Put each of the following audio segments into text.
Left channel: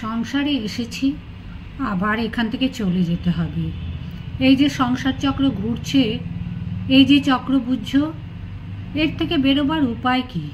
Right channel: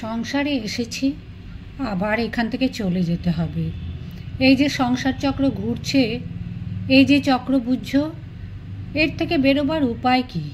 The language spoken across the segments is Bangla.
সংসারে এসেছি, আবার এখান থেকে চলে যেতে হবে। এই যে সংসার চক্র ঘুরছে, এই যে চক্রবুঝ, এর থেকে বেরোবার উপায় কি?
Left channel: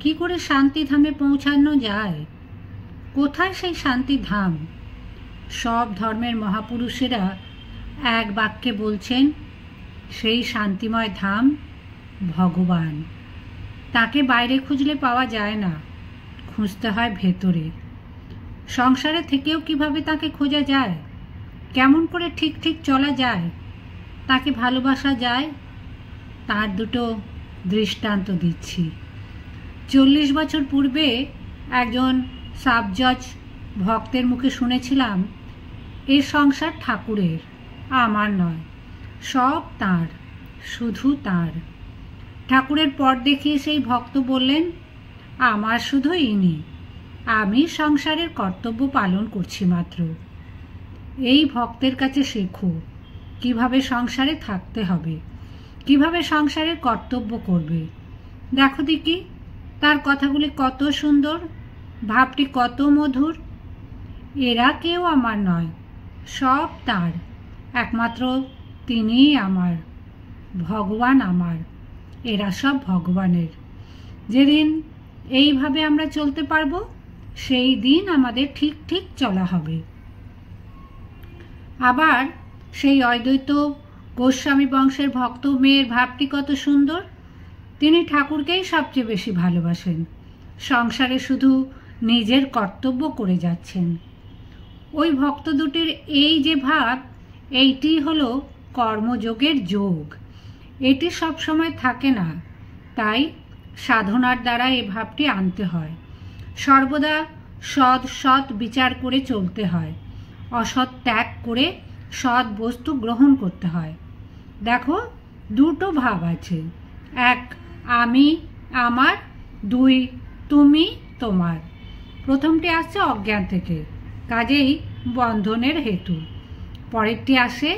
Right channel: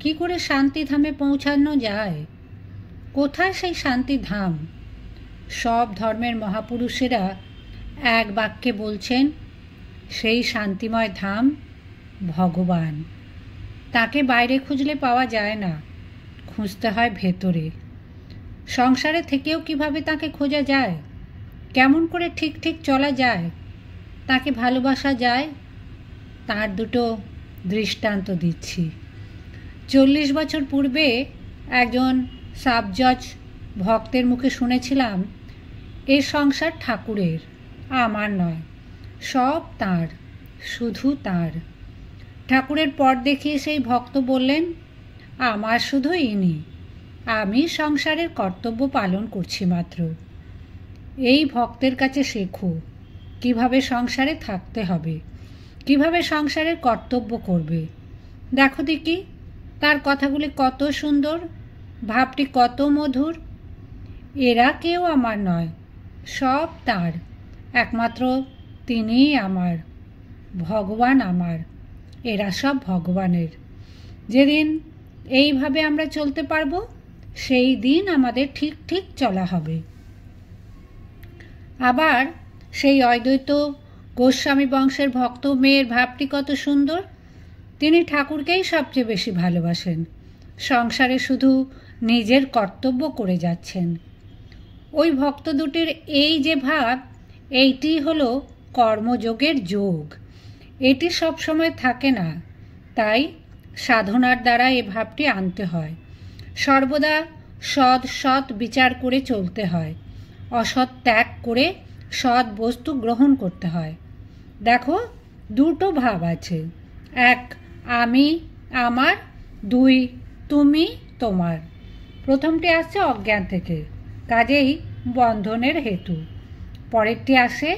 কি করে শান্তিধামে পৌঁছানো যায়? কোথায় সেই শান্তিধাম? সব ধর্মের মহাপুরুষেরা এক বাক্যে বলছেন, সেই শান্তিময় ধাম ভগবান। তাকে বাইরে খুঁজলে পাওয়া যায় না, খুঁজতে হয় ভেতরে। সংসারে থেকেও কিভাবে তাকে খোঁজা যায়? কেমন করে ঠিক ঠিক চলা যায়? তাকে ভালোবাসা যায়? তার দুটো দৃষ্টান্ত দিচ্ছি। 40 বছর পূর্বে একজন সাবজজ ভক্তের মুখে শুনেছিলাম, এ সংসার ঠাকুরের, আমার নয়, সব তাঁর, শুধু তাঁর। ঠাকুরের পথ দেখিয়ে সেই ভক্ত বললেন, আমার শুধু ইনি, আমি সংসারের কর্তব্য পালন করছি মাত্র। এই ভক্তের কাছে শেখো কিভাবে সংসারে থাকতে হবে, কিভাবে সংসারের কর্তব্য করবে। দেখো দেখি তার কথাগুলি কত সুন্দর, ভাবটি কত মধুর। এরা কেউ আমার নয়, সব তার, একমাত্র তিনিই আমার, ভগবান আমার, এরা সব ভগবানের। যেদিন এইভাবে আমরা চলতে পারবো, সেই দিন আমাদের ঠিক ঠিক চলা হবে। আবার সেই অদ্বৈত গোস্বামী বংশের ভক্ত মেয়ের ভাবটি কত সুন্দর। তিনি ঠাকুরকেই সবচেয়ে বেশি ভালোবাসেন, সংসারে শুধু নিজের কর্তব্য করে যাচ্ছেন। ওই ভক্ত দুটির এই যে ভাব, এইটি হলো কর্মযোগের যোগ। এটি সব সময় থাকে না, তাই সাধনার দ্বারা এ ভাবটি আনতে হয়। সর্বদা সৎ বিচার করে চলতে হয়, অসৎ ত্যাগ করে সৎ বস্তু গ্রহণ করতে হয়। দেখো, দুটো ভাব আছে, এক আমি আমার, দুই তুমি তোমার। প্রথমটি আসছে অজ্ঞান থেকে, কাজেই বন্ধনের হেতু। পরেরটি আসে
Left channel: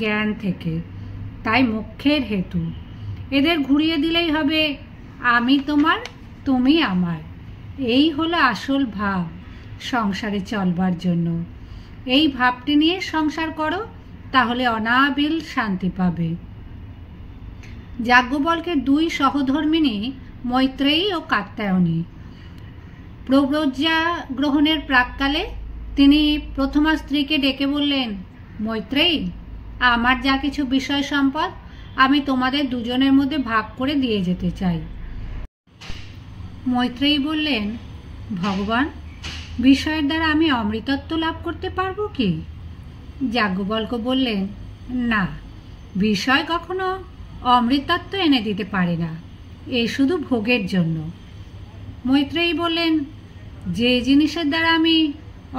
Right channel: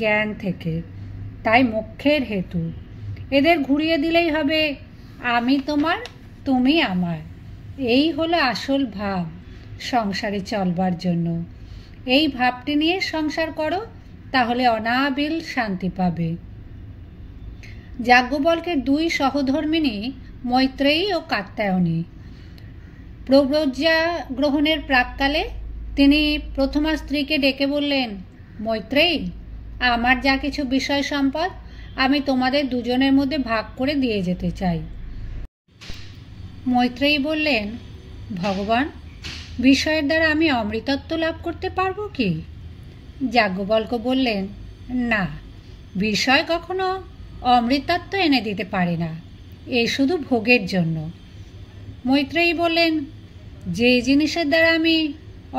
জ্ঞান থেকে, তাই মোক্ষের হেতু। এদের ঘুরিয়ে দিলেই হবে আমি তোমার, তুমি আমার। এই হলো আসল ভাব সংসারে চলবার জন্য। এই ভাবটি নিয়ে সংসার করো, তাহলে অনাবিল শান্তি পাবে। যাজ্ঞবল্কের দুই সহধর্মিণী মৈত্রেয়ী ও কাত্যায়নী। প্রব্রজ্যা গ্রহণের প্রাক্কালে তিনি প্রথমা স্ত্রীকে ডেকে বললেন, মৈত্রেয়ী, আমার যা কিছু বিষয় সম্পদ আমি তোমাদের দুজনের মধ্যে ভাগ করে দিয়ে যেতে চাই। মৈত্রেয়ী বললেন, ভগবান, বিষয়ের দ্বারা আমি অমৃতত্ব লাভ করতে পারবো কি? যাজ্ঞবল্ক বললেন, না, বিষয় কখনো অমৃতত্ব এনে দিতে পারে না, এ শুধু ভোগের জন্য। মৈত্রেয়ী বললেন, যে জিনিসের দ্বারা আমি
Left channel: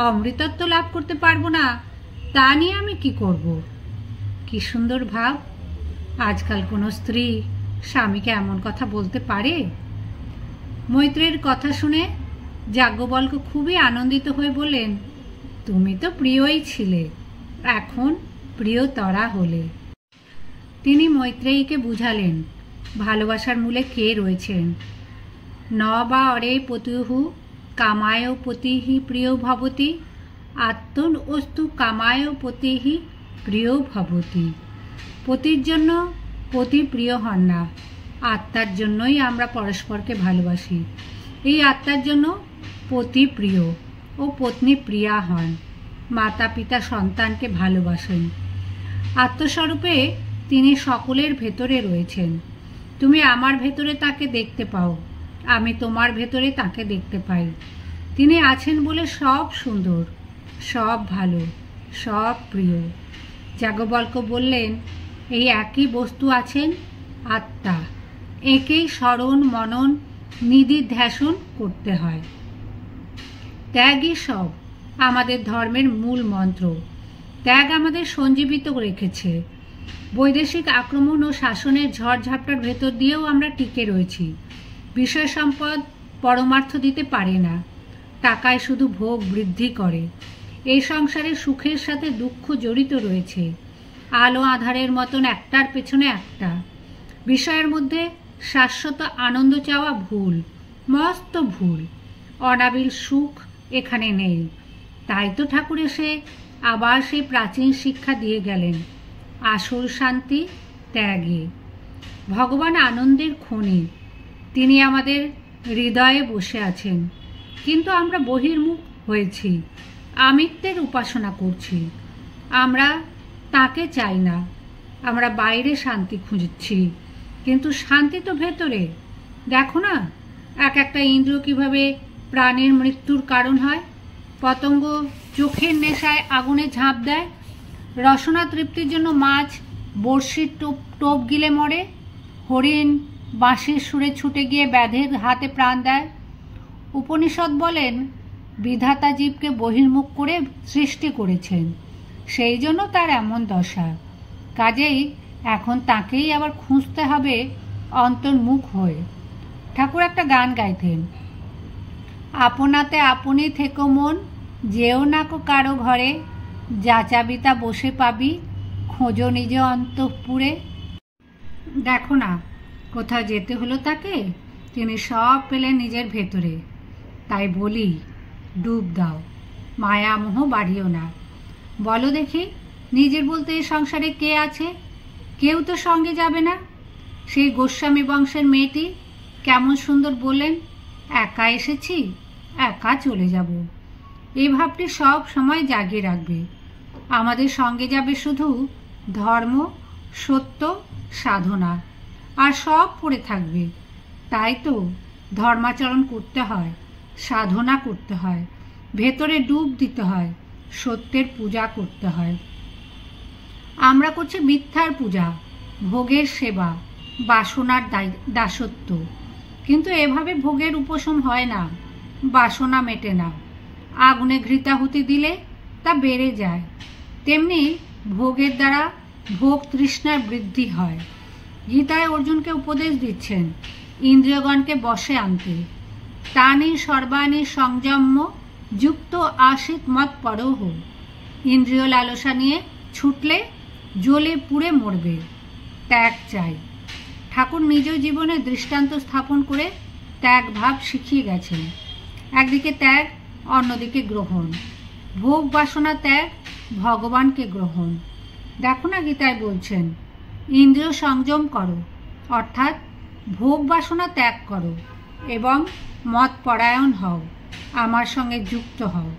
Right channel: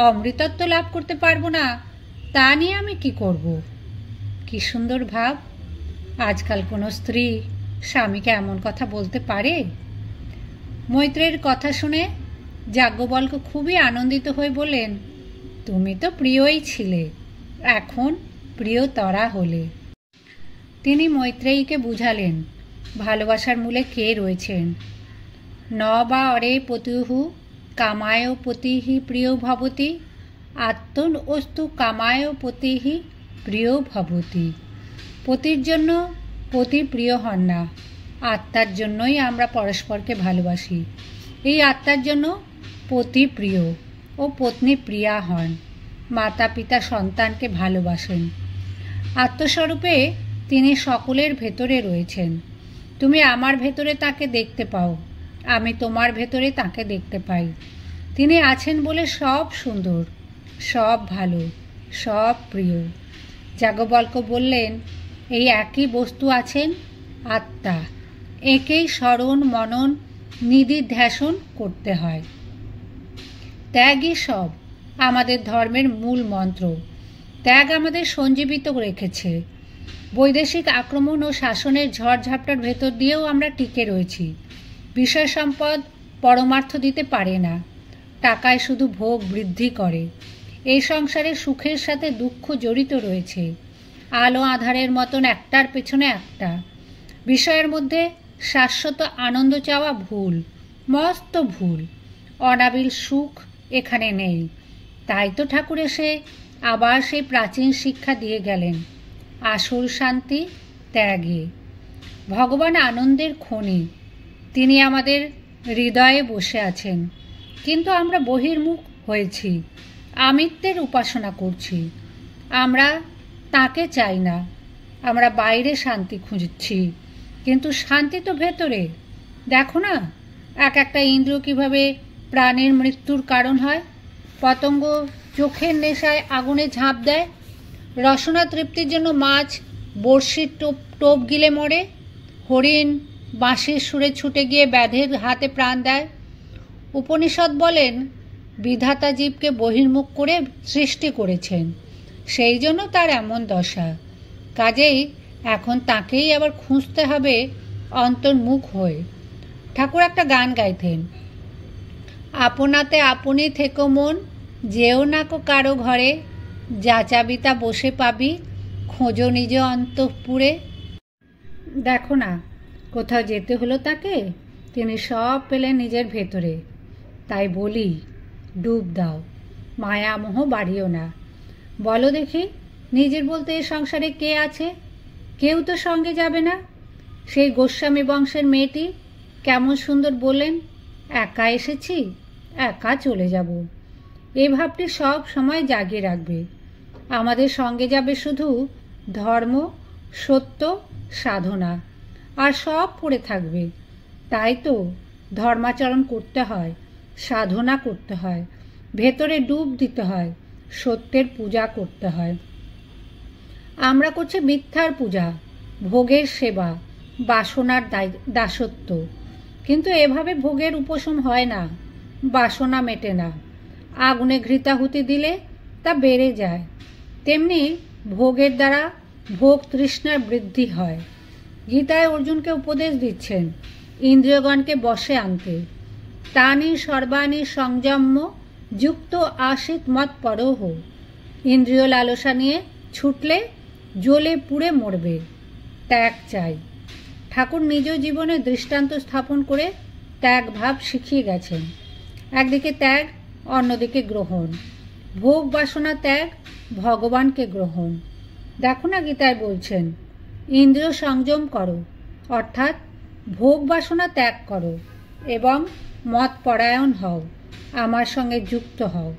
অমৃতত্ব লাভ করতে পারবো না, তা নিয়ে আমি কি করব? কি সুন্দর ভাব! আজকাল কোনো স্ত্রী স্বামীকে এমন কথা বলতে পারে? মৈত্রেয়ীর কথা শুনে যাজ্ঞবল্ক খুবই আনন্দিত হয়ে বললেন, তুমি তো প্রিয়ই ছিলে, এখন প্রিয়তরা হলে। তিনি মৈত্রেয়ীকে বুঝালেন ভালোবাসার মূলে কে রয়েছেন। ন বা অরে পতিহু কামায় পতিহি প্রিয় ভবতি, আত্মন অস্তু কামায় পতিহি প্রিয় ভবতি। পতির জন্য পতি প্রিয় হন না, আত্মার জন্যই আমরা পরস্পরকে ভালোবাসি। এই আত্মার জন্য পতি প্রিয় ও পত্নী প্রিয়া হন, মাতা পিতা সন্তানকে ভালোবাসেন। আত্মস্বরূপে তিনি সকলের ভেতরে রয়েছেন। তুমি আমার ভেতরে তাকে দেখতে পাও, আমি তোমার ভেতরে তাকে দেখতে পাই। তিনি আছেন বলে সব সুন্দর, সব ভালো, সব প্রিয়। যাজ্ঞবল্ক বললেন, এই একই বস্তু আছেন আত্মা, একেই স্মরণ মনন নিদিধ্যাসন করতে হয়। ত্যাগই সব আমাদের ধর্মের মূল মন্ত্র। ত্যাগ আমাদের সঞ্জীবিত রেখেছে। বৈদেশিক আক্রমণ ও শাসনের ঝড়ঝাপটার ভেতর দিয়েও আমরা টিকে রয়েছি। বিষয় সম্পদ পরমার্থ দিতে পারে না, টাকায় শুধু ভোগ বৃদ্ধি করে। এই সংসারে সুখের সাথে দুঃখ জড়িত রয়েছে, আলো আধারের মতন একটার পেছনে একটা। বিষয়ের মধ্যে শাশ্বত আনন্দ চাওয়া ভুল, মস্ত ভুল। অনাবিল সুখ এখানে নেই। তাই তো ঠাকুর এসে আবার সেই প্রাচীন শিক্ষা দিয়ে গেলেন, আসল শান্তি ত্যাগে। ভগবান আনন্দের খনি, তিনি আমাদের হৃদয়ে বসে আছেন, কিন্তু আমরা বহির্মুখ হয়েছি, আমিত্বের উপাসনা করছি। আমরা তাকে চাই না, আমরা বাইরে শান্তি খুঁজছি, কিন্তু শান্তি তো ভেতরে। দেখো না, এক একটা ইন্দ্র কিভাবে প্রাণের মৃত্যুর কারণ হয়। পতঙ্গ চোখের নেশায় আগুনে ঝাঁপ দেয়, রসনা তৃপ্তির জন্য মাছ বড়শির টোপ গিলে মরে, হরিণ বাঁশির সুরে ছুটে গিয়ে ব্যাধের হাতে প্রাণ দেয়। উপনিষদ বলেন, বিধাতা জীবকে বহির্মুখ করে সৃষ্টি করেছেন, সেই জন্য তার এমন দশা। কাজেই এখন তাকেই আবার খুঁজতে হবে অন্তর্মুখ হয়ে। ঠাকুর একটা গান গাইতেন, আপনাতে আপনি থেকো মন, যেও না কো কারো ঘরে, যা চাবি তা বসে পাবি, খোঁজো নিজ অন্তঃপুরে। দেখো না, কোথাও যেতে হলো তাকে, তিনি সব পেলেন নিজের ভেতরে। তাই বলি, ডুব দাও, মায়ামোহ বাড়িও না। বলো দেখি, নিজের বলতে এ সংসারে কে আছে? কেউ তো সঙ্গে যাবে না। সেই গোস্বামী বংশের মেয়েটি কেমন সুন্দর বললেন, একা এসেছি, একা চলে যাব। এই ভাবটি সব সময় জাগিয়ে রাখবে। আমাদের সঙ্গে যাবে শুধু ধর্ম, সত্য, সাধনা, আর সব পড়ে থাকবে। তাই তো ধর্মাচরণ করতে হয়, সাধনা করতে হয়, ভেতরে ডুব দিতে হয়, সত্যের পূজা করতে হয়। আমরা করছি মিথ্যার পূজা, ভোগের সেবা, বাসনার দাসত্ব। কিন্তু এভাবে ভোগের উপশম হয় না, বাসনা মেটে না। আগুনে ঘৃতাহুতি দিলে তা বেড়ে যায়। তেমনি ভোগের দ্বারা ভোগ তৃষ্ণার বৃদ্ধি হয়। গীতায় অর্জুনকে উপদেশ দিচ্ছেন ইন্দ্রিয়গণকে বশে আনতে। তানি সর্বাণী সংযম্য যুক্ত আশিত মত পরহ। ইন্দ্রিয় লালসা নিয়ে ছুটলে জ্বলে পুড়ে মরবে। ত্যাগ চাই। ঠাকুর নিজ জীবনে দৃষ্টান্ত স্থাপন করে ত্যাগ ভাব শিখিয়ে গেছেন। একদিকে ত্যাগ, অন্যদিকে গ্রহণ। ভোগ বাসনা ত্যাগ, ভগবানকে গ্রহণ। দেখো না, গীতায় বলছেন ইন্দ্রিয় সংযম করো, অর্থাৎ ভোগ বাসনা ত্যাগ করো এবং মত পরায়ণ হও, আমার সঙ্গে যুক্ত হও।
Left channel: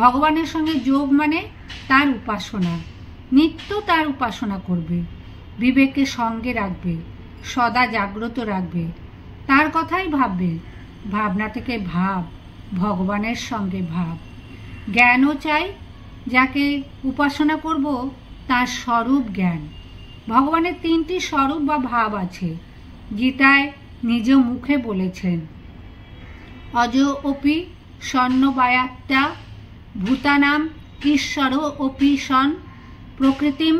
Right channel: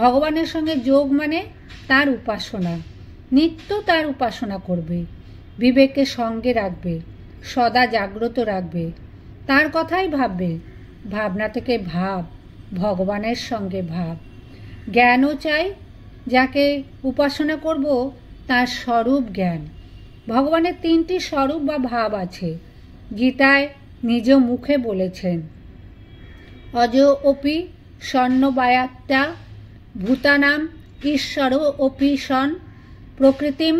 ভগবানের সঙ্গে যোগ মানে তার উপাসনা, নিত্য তার উপাসনা করবে, বিবেককে সঙ্গে রাখবে, সদা জাগ্রত রাখবে, তার কথাই ভাববে। ভাবনা থেকে ভাব, ভগবানের সঙ্গে ভাব। জ্ঞানও চাই, যাকে উপাসনা করব তার স্বরূপ জ্ঞান। ভগবানের 3টি স্বরূপ বা ভাব আছে, গীতায় নিজ মুখে বলেছেন, অজ অপি স্বর্ণবায়াত্তা ভূতানাম ঈশ্বর অপি সন প্রকৃতিম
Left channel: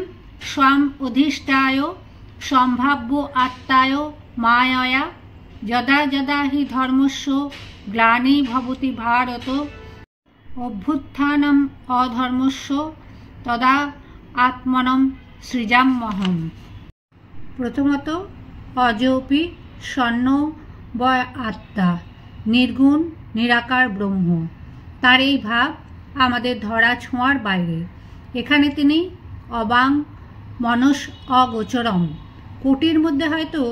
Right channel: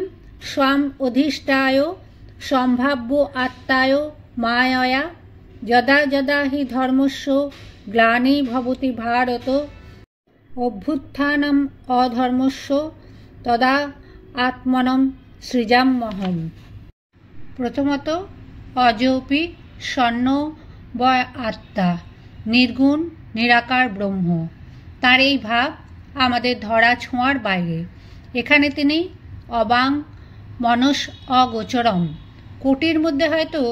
স্বাম অধিষ্ঠায় সম্ভাব্য আত্মায় মায়য়া যদা যদা হি ধর্মস্য গ্লানি ভবতি ভারত অভ্যুত্থানম অধর্মস্য তদা আত্মনম সৃজাম্যহম। প্রথমত, অজপি স্বর্ণ বয় আত্মা, নির্গুণ নিরাকার ব্রহ্ম। তার এই ভাব আমাদের ধরা ছোঁয়ার বাইরে। এখানে তিনি অবাং মনস অগোচরম। কোটির মধ্যে হয়তো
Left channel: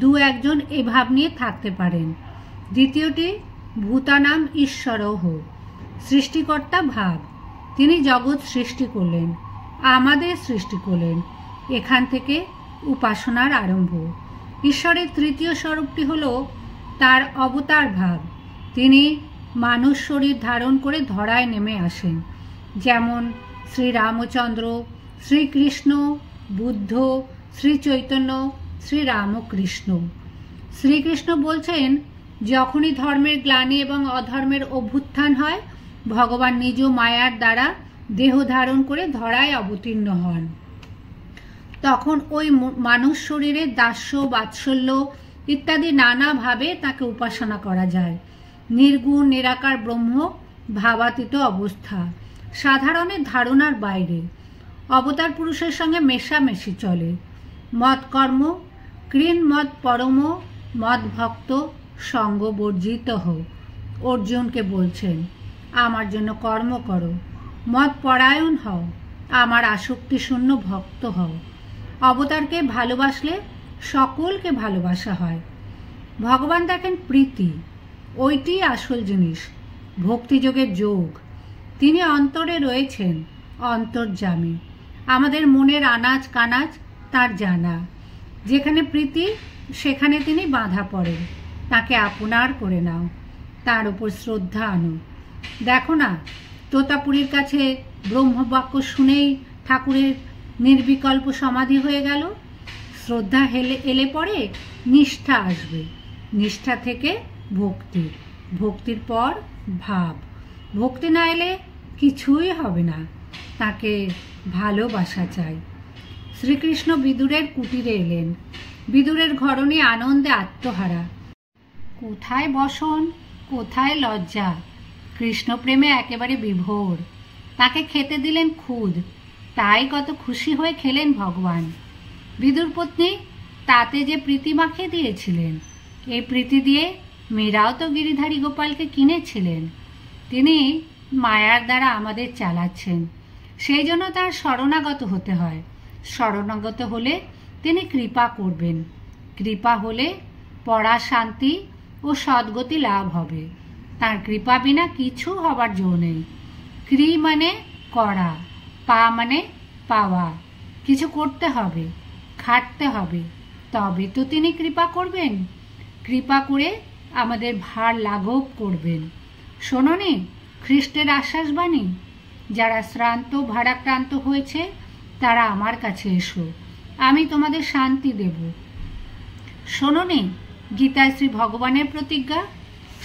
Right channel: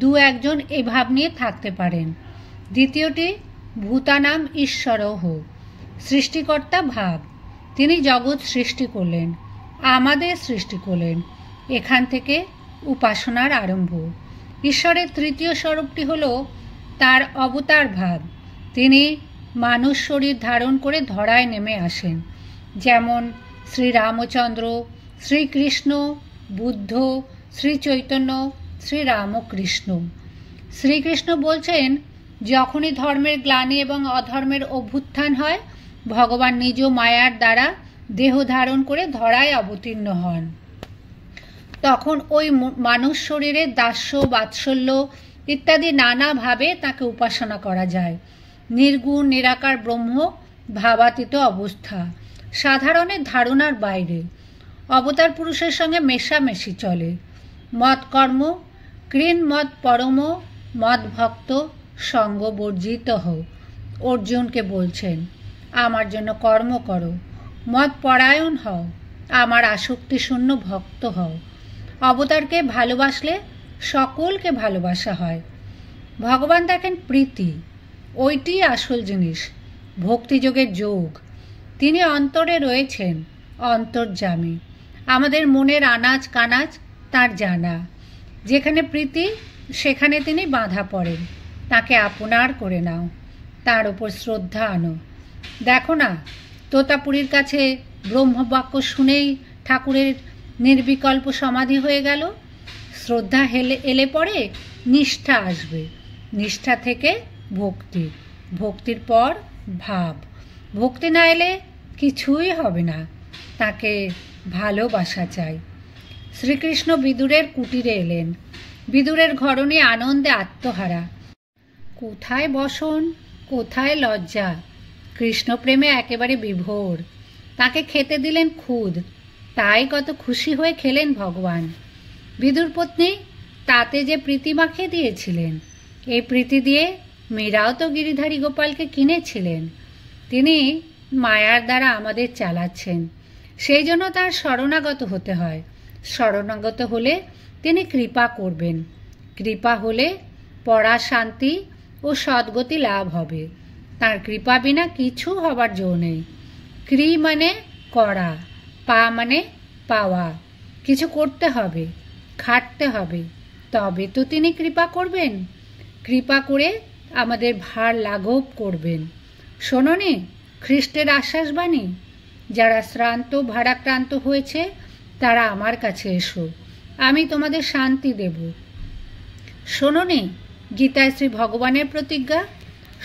2-1 এই ভাব নিয়ে থাকতে পারেন। দ্বিতীয়টি, ভূতানাম ঈশ্বরহ, সৃষ্টিকর্তা ভাব। তিনি জগৎ সৃষ্টি করলেন, আমাদের সৃষ্টি করলেন। এখান থেকে উপাসনার আরম্ভ। ঈশ্বরের 3য় স্বরূপটি হল তার অবতার ভাব। তিনি মানুষ শরীর ধারণ করে ধরায় নেমে আসেন, যেমন শ্রীরামচন্দ্র, শ্রীকৃষ্ণ, বুদ্ধ, শ্রী চৈতন্য, শ্রীরামকৃষ্ণ। শ্রীকৃষ্ণ বলছেন, যখনই ধর্মের গ্লানি এবং অধর্মের অভ্যুত্থান হয়, ভগবান নিজ মায়ার দ্বারা দেহ ধারণ করে ধরায় অবতীর্ণ হন। তখন ওই মানুষ শরীরে দাস্য, বাৎসল্য ইত্যাদি নানাভাবে তাকে উপাসনা করা যায়। নির্গুণ নিরাকার ব্রহ্ম ভাবাতীত অবস্থা, সাধারণের ধারণার বাইরে। অবতার পুরুষের সঙ্গে মেশামেশি চলে। মত কর্ম কৃণ মত পরম মদ ভক্ত সঙ্গ বর্জিত হোক। অর্জুনকে বলছেন, আমার জন্য কর্ম করো, মত পরায়ণ হও, আমার আসক্তি শূন্য ভক্ত হও। অবতারকে ভালোবাসলে সকলকে ভালোবাসা হয়। ভগবান দেখেন প্রীতি, ওইটি আসল জিনিস, ভক্তিযোগের যোগ। তিনি অন্তরে রয়েছেন, অন্তর্যামী। আমাদের মনের আনাজ কানাজ তার জানা। যেখানে প্রীতি সেখানে তিনি বাঁধা পড়েন। তাকে আপনার করে নাও, তার উপর শ্রদ্ধা আনো। দেখো না, তোতাপুরীর কাছে ব্রহ্মবাক্য শুনেই ঠাকুরের নির্বিকল্প সমাধি হয়ে গেল। শ্রদ্ধা এলে পরে নিষ্ঠা আসবে, নিষ্ঠা থেকে ভক্তি, ভক্তির পর ভাব। ভক্তি না এলে কিছুই হবে না। তাকে ভালোবাসা চাই। শ্রীকৃষ্ণ বিদুরের কুটিরে এলেন। বিদুরের ঘরণী আনন্দে আত্মহারা। কোথায় বসন, কোথায় লজ্জা, কৃষ্ণপ্রেমে একেবারে বিভোর। তাকে খেতে দিলেন খুদ, তাই কত খুশি হয়ে খেলেন ভগবান। বিদুর পত্নী তাতে যে প্রীতি মাখিয়ে দিয়েছিলেন, এই প্রীতি দিয়ে মীরাও তো গিরিধারী গোপালকে কিনেছিলেন। তিনি মায়ার দ্বারা আমাদের চালাচ্ছেন, সেই জন্য তার শরণাগত হতে হয়। শরণাগত হলে তিনি কৃপা করবেন। কৃপা হলে পরা শান্তি ও সদ্গতি লাভ হবে। তার কৃপা বিনা কিছু হবার জো নেই। ক্রি মানে করা, পা মানে পাওয়া। কিছু করতে হবে, খাটতে হবে, তবে তো তিনি কৃপা করবেন। কৃপা করে আমাদের ভার লাঘব করবেন। শোনোনি খ্রিস্টের আশ্বাসবাণী, যারা শ্রান্ত ভারাক্রান্ত হয়েছে তারা আমার কাছে এসো, আমি তোমাদের শান্তি দেব। শোনোনি গীতায় শ্রী ভগবানের প্রতিজ্ঞা,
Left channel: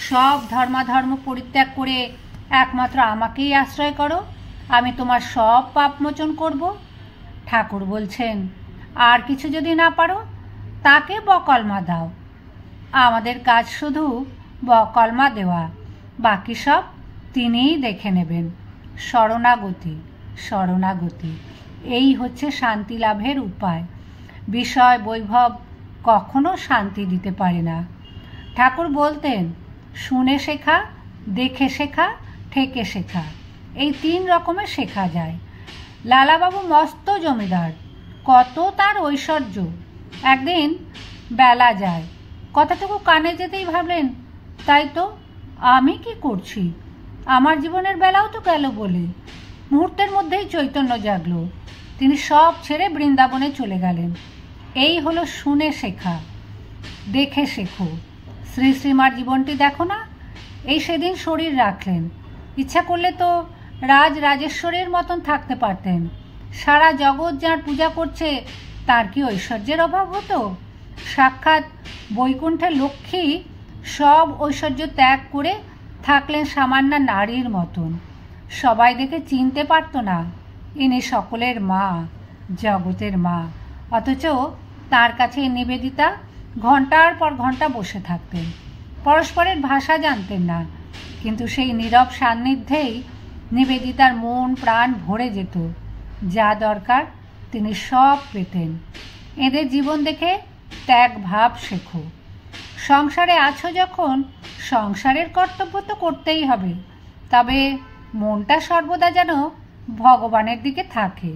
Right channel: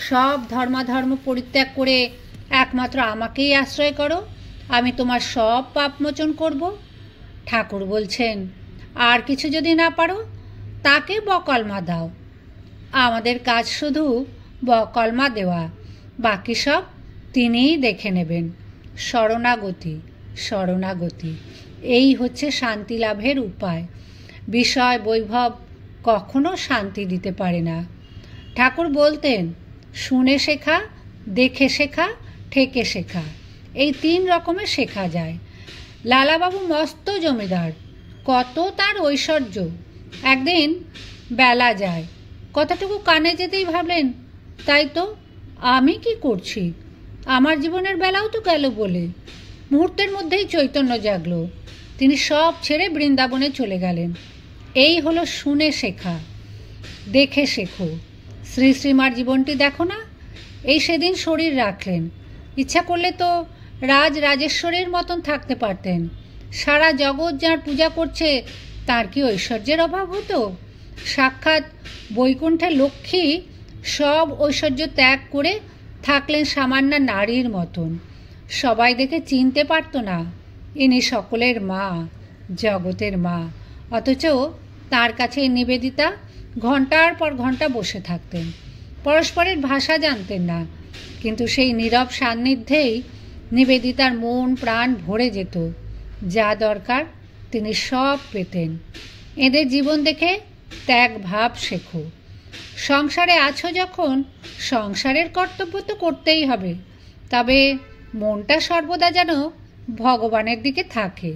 সব ধর্মাধর্ম পরিত্যাগ করে একমাত্র আমাকেই আশ্রয় করো, আমি তোমার সব পাপ মোচন করব। ঠাকুর বলছেন, আর কিছু যদি না পারো তাকে বকলমা দাও। আমাদের কাজ শুধু বকলমা দেওয়া, বাকি সব তিনিই দেখে নেবেন। শরণাগতি, শরণাগতি, এই হচ্ছে শান্তি লাভের উপায়। বিষয় বৈভব কখনো শান্তি দিতে পারে না। ঠাকুর বলতেন, শুনে শেখা, দেখে শেখা, ঠেকে শেখা, এই 3 রকমের শেখা যায়। লালাবাবু মস্ত জমিদার, কত তার ঐশ্বর্য। একদিন বেলা যায়, কথাটুকু কানে যেতেই ভাবলেন, তাই তো আমি কি করছি, আমার জীবনের বেলাও তো গেল বলে। মুহূর্তের মধ্যেই চৈতন্য জাগল। তিনি সব ছেড়ে বৃন্দাবনে চলে গেলেন। এই হলো শুনে শেখা। দেখে শেখো। শ্রী শ্রীমার জীবনটি দেখো না। এই সেদিন শরীর রাখলেন, ইচ্ছা করলে তো রাজেশ্বরের মতন থাকতে পারতেন। সারা জগৎ যার পূজা করছে, তার কি ঐশ্বর্যের অভাব হতো? সাক্ষাৎ বৈকুণ্ঠের লক্ষ্মী সব ঐশ্বর্য ত্যাগ করে থাকলেন সামান্য নারীর মতন। সবাই দেখে চিনতে পারত না ইনি সকলের মা, জগতের মা। অথচ তার কাছে নিবেদিতা ঘন্টার পর ঘন্টা বসে থাকতেন। পরস্পরের ভাষা জানতেন না, কিন্তু সেই নীরব সান্নিধ্যেই নিবেদিতার মন প্রাণ ভরে যেত। যা দরকার তিনি সব পেতেন। এদের জীবন দেখে ত্যাগ ভাব শেখো। সংসারে আছো যখন, সংসারের কর্তব্য তো করতেই হবে, তবে মনটা সর্বদা যেন ভগবানের দিকে থাকে।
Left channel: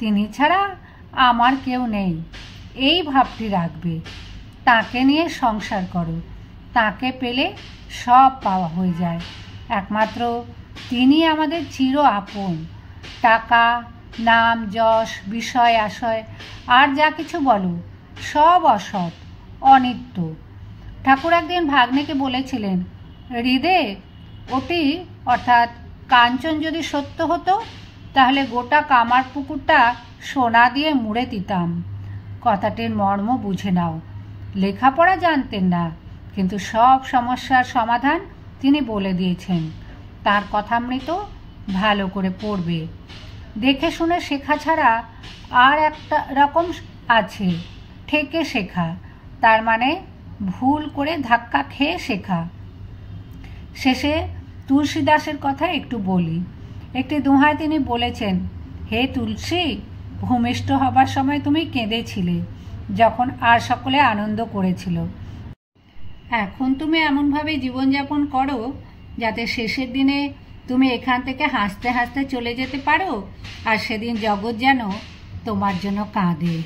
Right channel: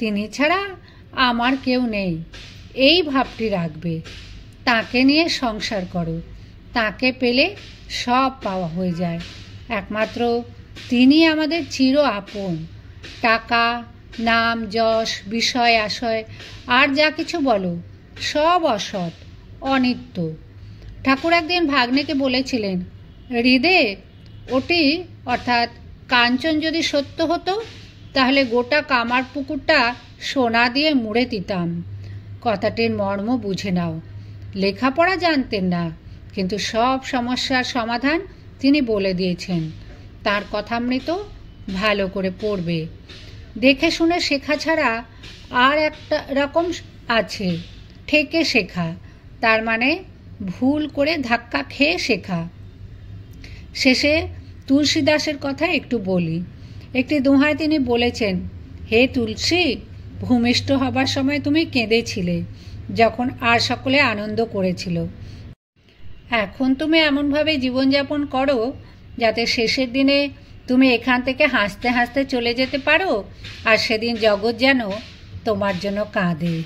তিনি ছাড়া আমার কেউ নেই, এই ভাবটি রাখবে। তাকে নিয়ে সংসার করো, তাকে পেলে সব পাওয়া হয়ে যায়। একমাত্র তিনি আমাদের চির আপন। টাকা, নাম, যশ, বিষয় আশয় আর যা কিছু বলো, সব অসৎ, অনিত্য। ঠাকুর একদিন ভাগ্নেকে বলেছিলেন, হৃদে ওটি অর্থাৎ কাঞ্চন যদি সত্য হতো, তাহলে গোটা কামার পুকুরটা সোনা দিয়ে মুড়ে দিতাম। কথাটির মর্ম বুঝে নাও। লেখাপড়া জানতেন না, কিন্তু সব সমস্যার সমাধান তিনি বলে দিয়েছেন। তার কথামৃত ভালো করে পড়বে। দেখে শুনে শেখা ছাড়া আর একটা রকম আছে, ঠেকে শেখা, তার মানে ভুল করে ধাক্কা খেয়ে শেখা। শেষে তুলসীদাসের কথা একটু বলি। একটি দোহায় তিনি বলেছেন, হে তুলসী, ভূমিষ্ঠ হবার সময় তুমি কেঁদেছিলে যখন আর সকলে আনন্দ করেছিল। এখন তুমি এমনভাবে জীবনযাপন করো যাতে শেষের দিনে তুমি এখান থেকে হাসতে হাসতে চলে যেতে পারো, আর সেদিন জগৎ যেন তোমার জন্য কাঁদে।